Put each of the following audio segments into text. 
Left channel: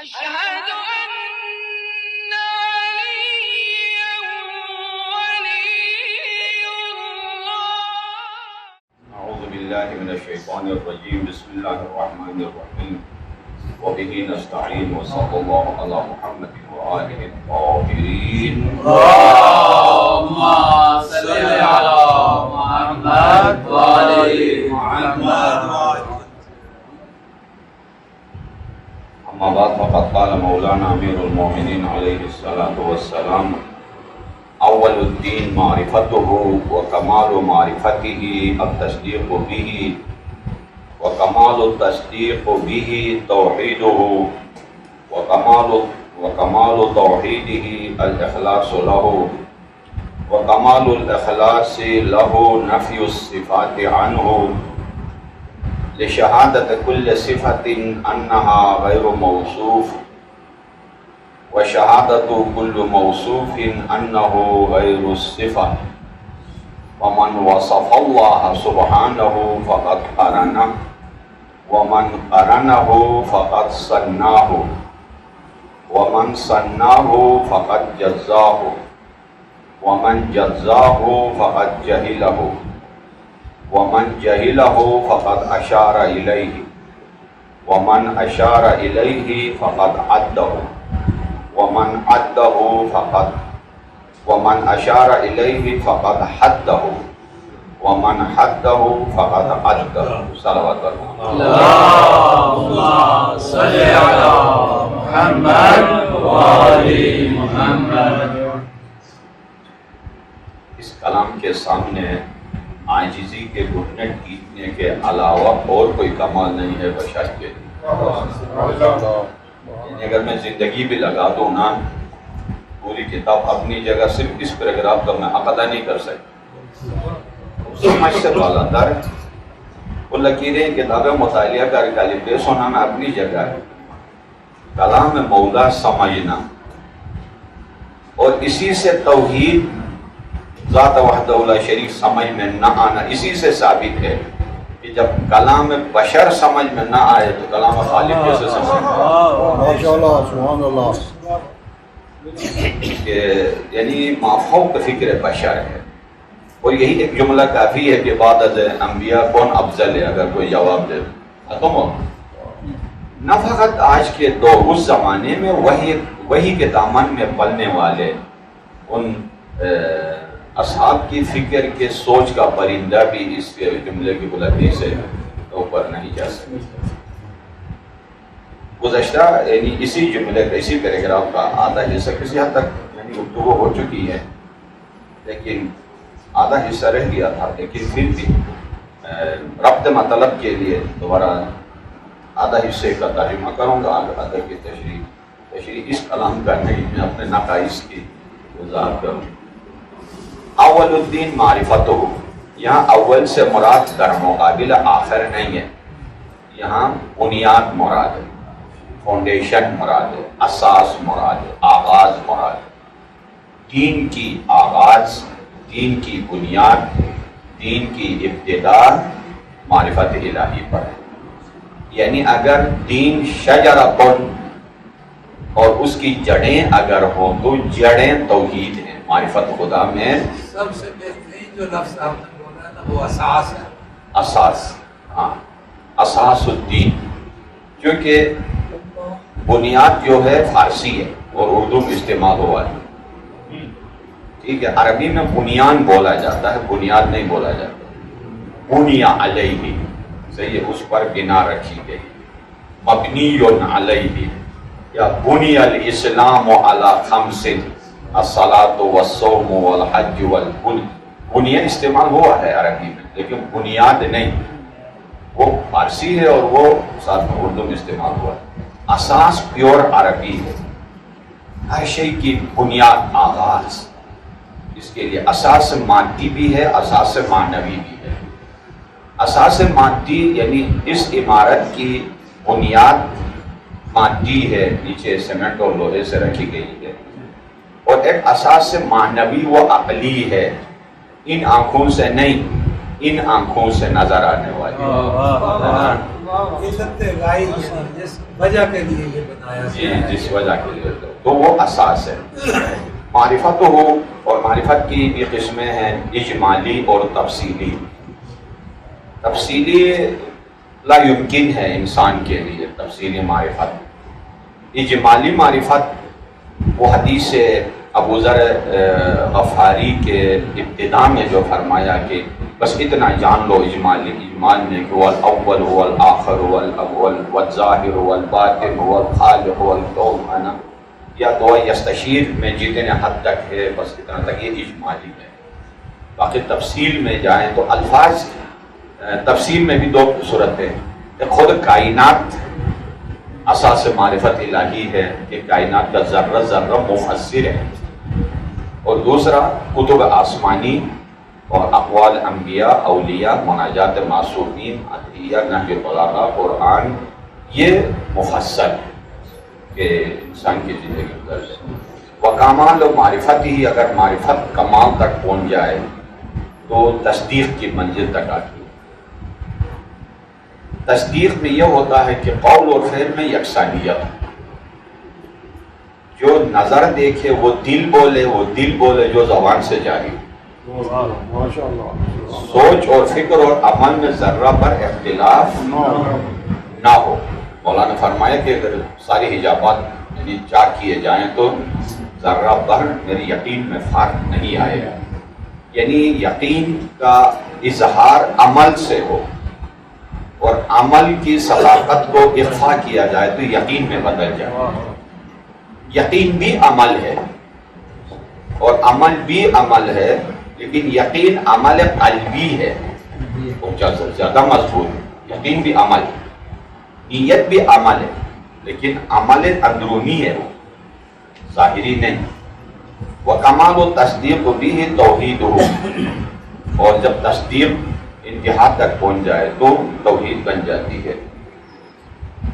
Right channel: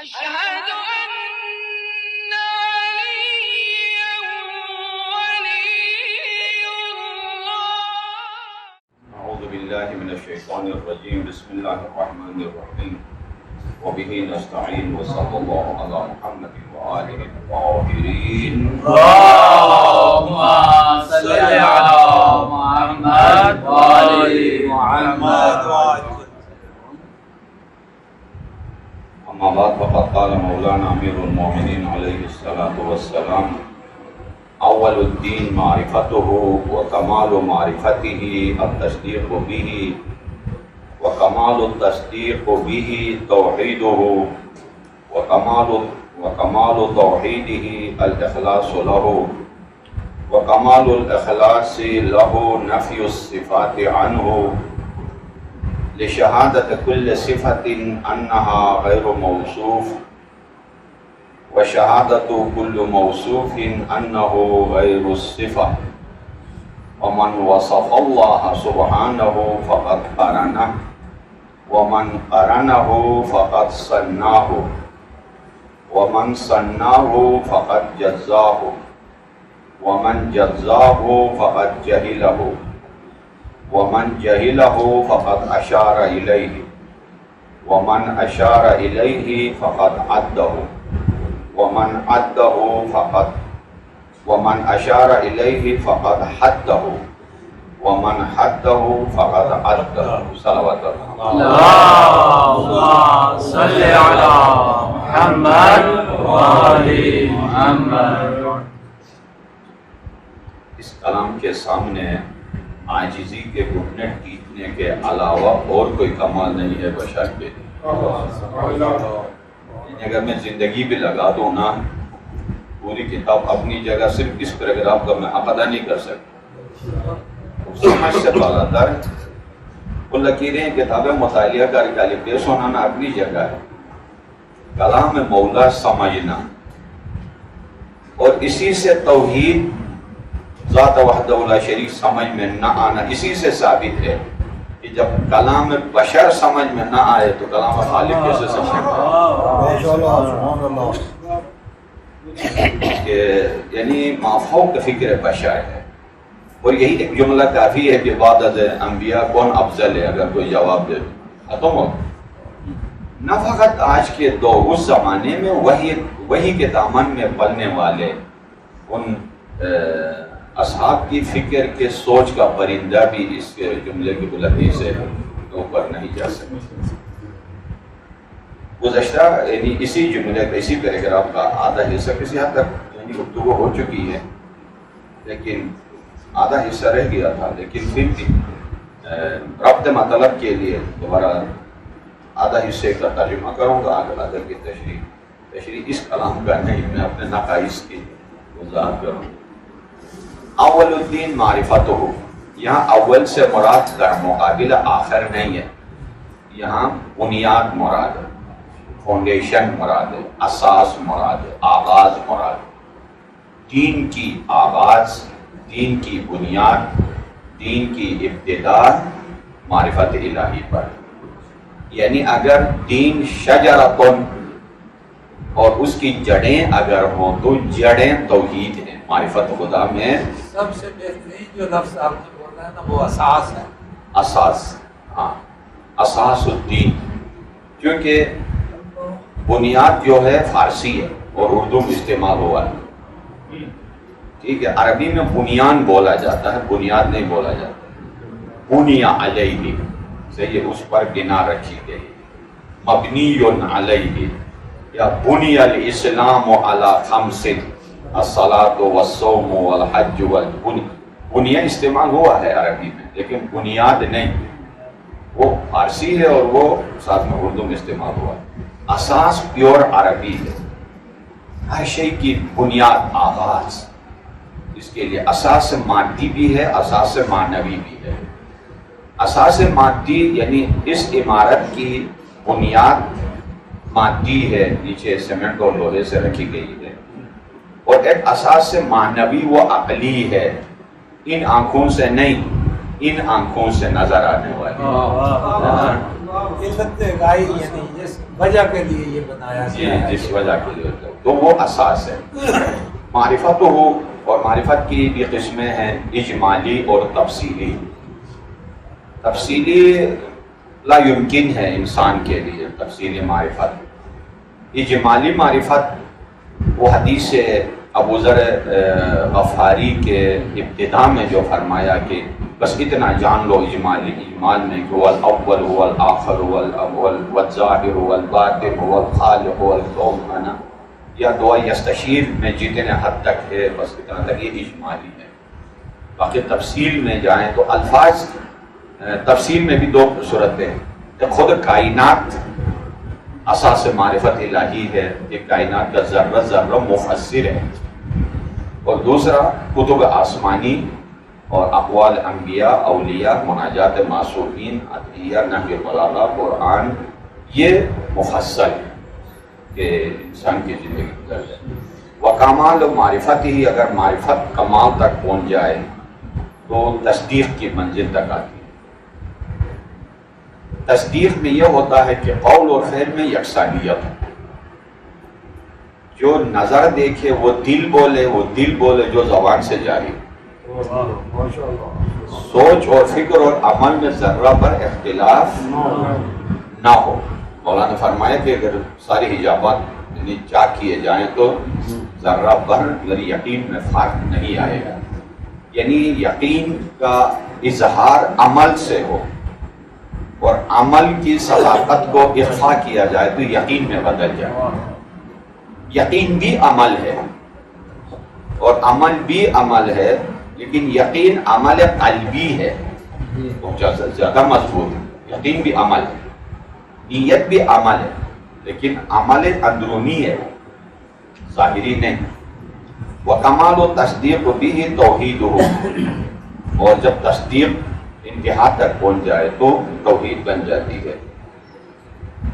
أشهد أن عليا ولي الله. أعوذ بالله من الشيطان الرجيم. بسم الله الرحمن الرحيم. وبه نستعين وصلى الله على محمد وآله الطاهرين. اللهم صل على محمد وآل محمد. أما بعد فقد قال مولانا أمير المؤمنين عليه الصلاة والسلام: أول الدين معرفته وكمال معرفته التصديق به وكمال التصديق به توحيده وكمال توحيده الإخلاص له وكمال الإخلاص له نفي الصفات عنه لشهادة كل صفة أنها غير موصوف وشهادة كل موصوف أنه غير الصفة. ومن وصف الله سبحانه فقد قرنه ومن قرنه فقد صناه ومن صناه فقد جزاه ومن جزاه فقد جهله ومن جهله فقد أشار إليه ومن أشار إليه فقد عده ومن عده ومن أشار إليه فقد حده ومن حده فقد عده. صلوات الله. اللهم صل على محمد وآل محمد. اس کلام کے سامنے عاجزی کے گھٹنے ٹیکنے کے علاوہ اور کوئی کمال نہیں ہے بشر کے لیے. یعنی اگر میں زندگی بھی لگا دوں نا، پوری کتاب اپنی جگہ صرف اس پیراگراف کا میں عقدہ نہیں کر سکتا. سمجھ سے بالا تر وہ لکیریں کتابیں مطالعہ کر کے پیش ہونا میں اپنی جگہ ہے. کلام مولا سمجھنا اور اسی سے توحید ذات وحدہ لا شریک سمجھ میں نہ آنا اسی سے ثابت ہے کہ جب کلام بشر سمجھ میں نہ آئے تو کلام خالق کیسے سمجھ میں آئے. یعنی مافوق فکر بشر ہے. اور یہی ایک جملہ کافی ہے کہ بعد از انبیاء کون افضل ہے. اگر کوئی جواب دے ختم ہو. نہ فقط آج کے دور، اس زمانے میں وہی کے دامن میں پلنے والے ان اصحاب کی فکر کے سوچ کا پرندہ بھی اس کے جملے کی بلندی سے اوپر نہیں جا سکتا. گزشتہ یعنی اسی جملے کا، اسی پیراگراف کا آدھا حصہ کسی حد تک یعنی گفتگو ہو چکی ہے، لیکن آدھا حصہ رہ گیا تھا. لیکن پھر بھی ربط مطلب کے لیے دوبارہ آدھا حصے کا ترجمہ کروں گا. آدھا کی تشریح اس کلام کا نہیں، میں اپنے نقائص کی وضاحت کروں. اول الدین معرفتہ، یہاں اول سے مراد در مقابل آخر نہیں ہے. یہاں بنیاد مراد ہے، فاؤنڈیشن مراد ہے، اساس مراد ہے، آغاز مراد ہے. دین کی آغاز، دین کی بنیاد، دین کی ابتدا معرفت الہی پر. یعنی اگر دین شجرتن اور اس کی جڑیں اگر ہو تو جڑیں توحید ہیں. معرفت خدا میں سب سے بہترین جو لفظ آپ نے بولا نا وہ اساس ہے. اساس، ہاں، اساس الدین. کیونکہ بنیاد جو ہے فارسی ہے اور اردو میں استعمال ہوا ہے. ٹھیک ہے، عربی میں بنیان بولا جاتا ہے، بنیاد نہیں بولا جاتا. بنیا علیہ، صحیح ہے، اس پر بنا رکھی گئی. مبنی علیہ یا بنی الاسلام علی خمس الصلاۃ والصوم والحج بنیا استعمال ہوا ہے عربی میں، لیکن بنیاد نہیں. وہ فارسی ہے اور وہ ساتھ میں اردو میں استعمال ہوا ہے. اساس پیور عربی ہے، ہر شے کی بنیاد، آغاز. اس کے لیے اساس مادی بھی ہے، اساس معنوی بھی ہے. اساس مادی یعنی اس عمارت کی بنیاد مادی ہے، نیچے سیمنٹ اور لوہے سے رکھی گئی ہے. اور ایک اساس معنوی و عقلی ہے، ان آنکھوں سے نہیں، ان آنکھوں سے نظر آنے والی. معرفت غائب یعنی جس وجہ کے لیے یہ بنایا گیا ہے، جس وجہ کے لیے تو وہ اساس ہے۔ معرفت ہو، اور معرفت کی بھی قسمیں ہیں اجمالی اور تفصیلی۔ تفصیلی لا یمکن ہے انسان کے لیے تفصیلی معرفت۔ اجمالی معرفت وہ حدیث ابو ذر غفاری کے ابتدا میں جو فرمایا کہ بس اتنا جان لو اجمالی، اجمال میں کہ هو الاول هو الاخر هو الاول والظاہر هو الباطن هو الخالق هو الكون انا، یا دعا یستشیر میں جتنے حد تک ہے بس اتنا تک یہ اجمالی ہے۔ باقی تفصیل میں جائیں تو الفاظ تفصیل میں بھی دو صورتیں، ایک خود کائنات اساس معرفت الہی ہے کہ کائنات کا ذرہ ذرہ مفسر ہے، اور دوسرا کتب آسمانی اور اقوال انبیاء، اولیاء، مناجات معصومین، عطیہ، نہج البلاغہ، قرآن، یہ مفصل ہے کہ انسان کی زندگی گزر ہے۔ وکمال و معرفت ہی، اگر معرفت کمال تک پہنچ جائے تو تصدیق کی منزل تک آتی ہے۔ تصدیق میں یہ ہوتا ہے کہ قول اور فعل میں یکسانیت، جو نظر دیکھے وہ دل بولے، وہ دل بولے جو زبان سے جاری، سوچ اور فکر اور عمل میں ذرہ پر اختلاف نہ ہو۔ مولانا فرمایا کہ اگر ساری حجابات یعنی چاک کیے جائیں تو ذرہ پر میری یقین میں فرق نہیں آئے گا، یعنی یقین کا اظہار عمل سے ہو، اور عمل کی صداقت کو اخفا کیا جائے تو یقین میں بدل جائے۔ یقین بھی عمل ہے اور عمل بھی عمل ہے، لیکن یقین عمل قلبی ہے، زیادہ مضبوط۔ یقین بھی عمل ہے، نیت بھی عمل ہے، لیکن عمل اندرونی ہے، ظاہری نہیں۔ وکمال و تصدیق بھی توحید ہو، اور جب تصدیق انتہا تک پہنچ جائے تو توحید بن جاتی ہے۔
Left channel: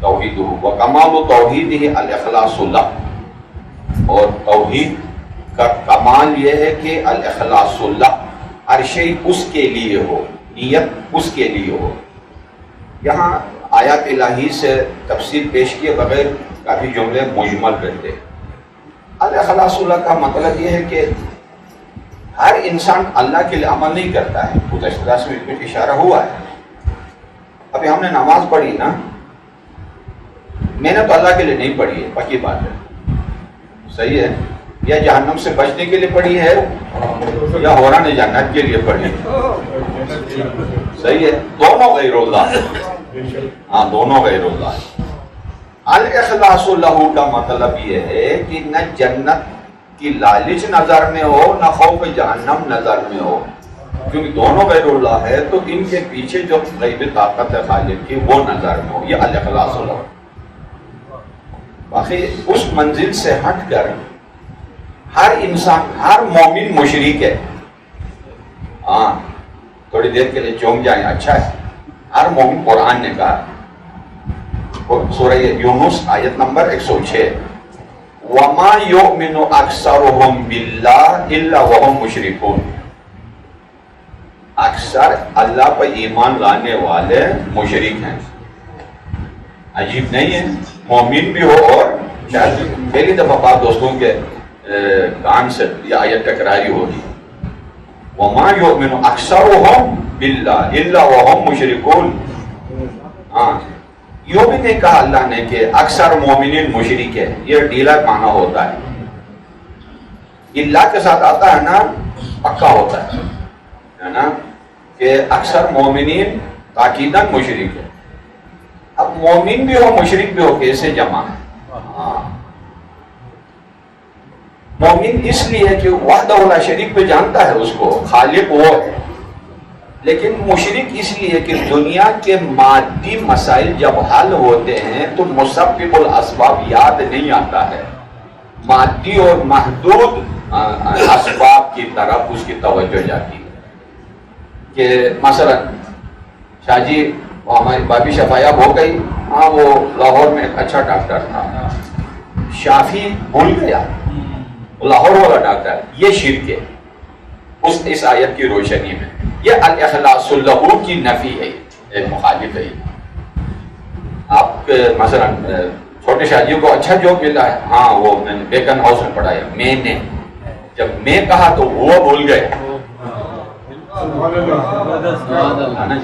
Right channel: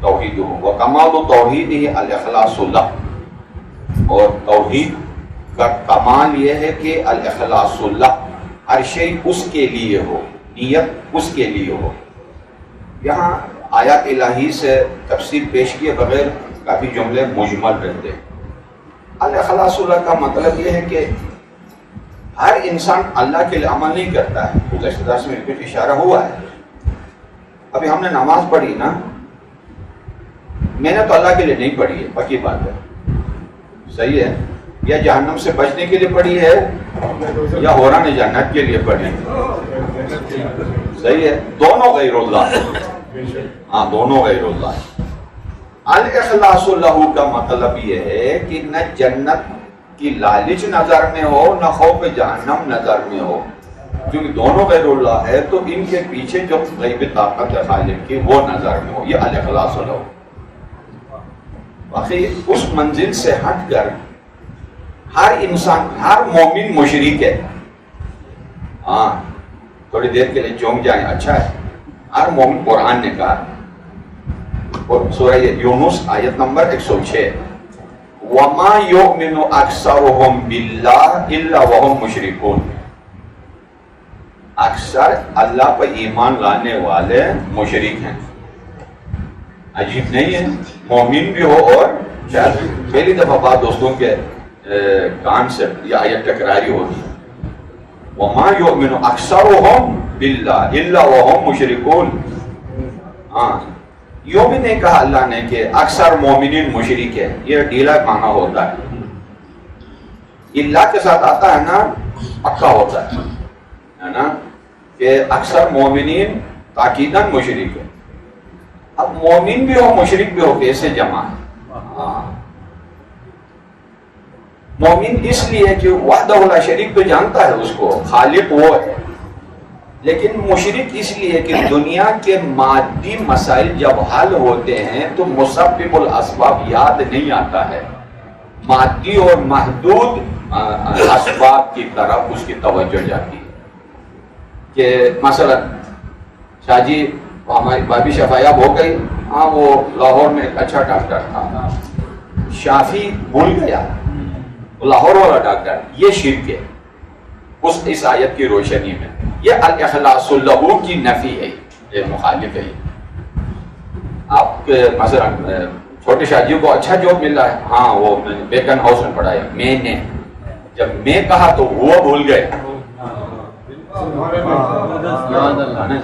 توحید ہو، وکمال و توحید ہی الاخلاص لہ، اور توحید کا کمال یہ ہے کہ الاخلاص لہ، ہر شیء اس کے لیے ہو، نیت اس کے لیے ہو۔ یہاں آیات الہی سے تفسیر پیش کیے بغیر کافی جملے مجمل رہتے ہیں۔ الاخلاص لہ کا مطلب یہ ہے کہ ہر انسان اللہ کے لیے عمل نہیں کرتا ہے، گزشتہ درس میں کچھ اشارہ ہوا ہے۔ ابھی ہم نے نماز پڑھی نا، میں نے تو اللہ کے لیے نہیں پڑھی ہے، پکی بات ہے، صحیح ہے، یا جہنم سے بچنے کے لیے پڑھی ہے یا حوران جنت کے لیے پڑھی ہے، صحیح ہے، دونوں غیر اللہ، ہاں دونوں غیر اللہ۔ الاخلاص لہ کا مطلب یہ ہے کہ نہ جنت کی لالچ نظر میں ہو، نہ خوف جہنم نظر میں ہو، کیونکہ دونوں غیر اللہ ہے تو ان کے پیچھے جو غیبی طاقت ہے خالق کی وہ نظر میں ہو، یہ الاخلاص لہ۔ باقی اس منزل سے ہٹ کر ہر انسان، ہر مومن مشرک ہے، ہاں تھوڑی دیر کے لیے چونک جائیں، اچھا ہے، ہر مومن، قرآن نے کہا، سورہ یونس آیت نمبر 106، وَمَا يُؤْمِنُ أَكْثَرُهُمْ بِاللَّهِ إِلَّا وَهُمْ مُشْرِكُونَ، اکثر اللہ پر ایمان لانے والے مشرک ہیں۔ عجیب نہیں ہے، مومن بھی ہو اور شاید پہلی دفعہ بات دوستوں کے کان سے یہ آیت ٹکراری ہوگی، وَمَا يُؤْمِنُ أَكْثَرُهُمْ بِاللَّهِ إِلَّا وَهُمْ مُشْرِكُونَ۔ ہاں یوں بھی نہیں کہا اللہ نے کہ اکثر مومنین مشرک ہے، یہ ڈھیلا معنی ہوتا ہے، اللہ کے ساتھ آتا ہے نا پکا ہوتا ہے نا کہ اکثر مومنین تاکیداً مشرک ہے۔ اب مومن بھی ہو مشرک بھی ہو کیسے جمع ہے؟ ہاں مومن اس لیے کہ وحدہ لا شریک پہ جانتا ہے اس کو، خالق وہ ہے، لیکن مشرک اس لیے کہ دنیا کے مادی مسائل جب حل ہوتے ہیں تو مسبب الاسباب یاد نہیں آتا ہے، مادی اور محدود اسباب کی طرف اس کی توجہ جاتی ہے۔ کہ مثلا شاہ جی ہماری بابی شفایاب ہو گئی، ہاں وہ لاہور میں ایک اچھا ڈاکٹر تھا، شافی بھول گیا، لاہور والا ڈاکٹر، یہ شرک ہے اس آیت کی روشنی میں، یہ الاخلاص لہ کی نفی ہے، ایک مخالف ہے۔ کہ مثلا چھوٹے شاہ جی کو اچھا جاب ملا ہے، ہاں وہ میں نے بیکن ہاؤس میں پڑھایا، میں نے جب میں کہا تو وہ بھول گئے،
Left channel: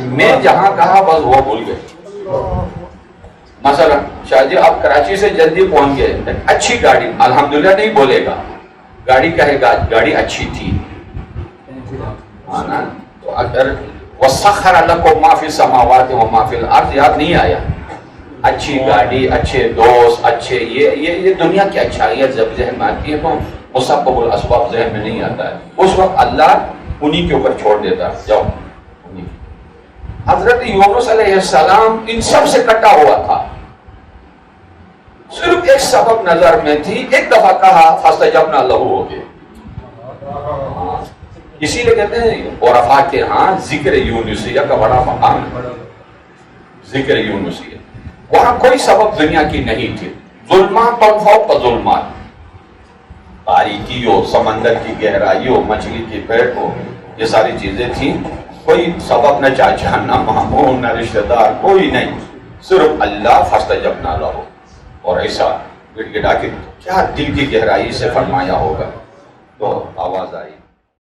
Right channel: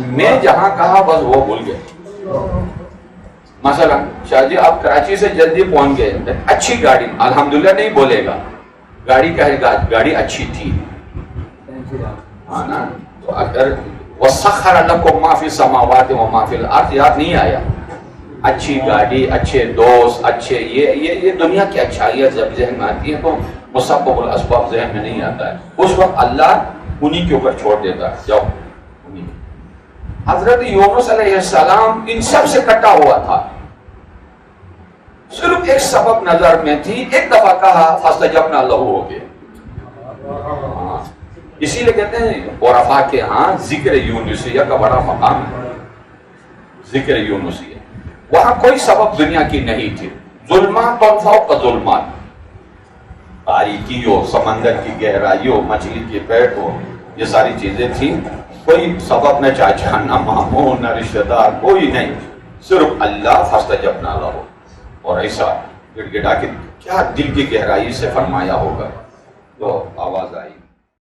میں جہاں کہا بس وہ بھول گئے۔ مثلا شاہ جی آپ کراچی سے جلدی پہنچ گئے، اچھی گاڑی، الحمدللہ نہیں بولے گا، گاڑی کہے گا گاڑی اچھی تھی، ہاں نا۔ تو اگر وَسَخَّرَ لَكُم مَّا فِي السَّمَاوَاتِ وَمَّا فِي الْأَرْضِ یاد نہیں آیا، اچھی گاڑی، اچھے دوست، اچھے یہ دنیا کی اچھائیاں جب ذہن میں آتی ہیں تو مسبب الاسباب ذہن میں نہیں آتا ہے، اس وقت اللہ انہی کے اوپر چھوڑ دیتا ہے، جاؤ۔ حضرت یونس علیہ السلام ان سب سے کٹا ہوا تھا، صرف ایک سبب نظر میں تھی، ایک دفعہ کہا فاستجبنا لہ ہو گیا۔ اسی لیے کہتے ہیں عرفاء کے ہاں ذکر یونسیہ کا بڑا مقام ہے، ذکر یونسیہ، وہاں کوئی سبب دنیا کی نہیں تھی، ظلمات فوق ظلمات، تاریکی ہو، سمندر کی گہرائی ہو، مچھلی کی پیٹ ہو، یہ ساری چیزیں تھیں، کوئی سبب نہ چاچا نہ ماموں نہ رشتہ دار، کوئی نہیں، صرف اللہ فاستجبنا لہ، اور ایسا گڑ گڑا کے کیا دل کی گہرائی سے فرمایا ہوگا تو آواز آئی۔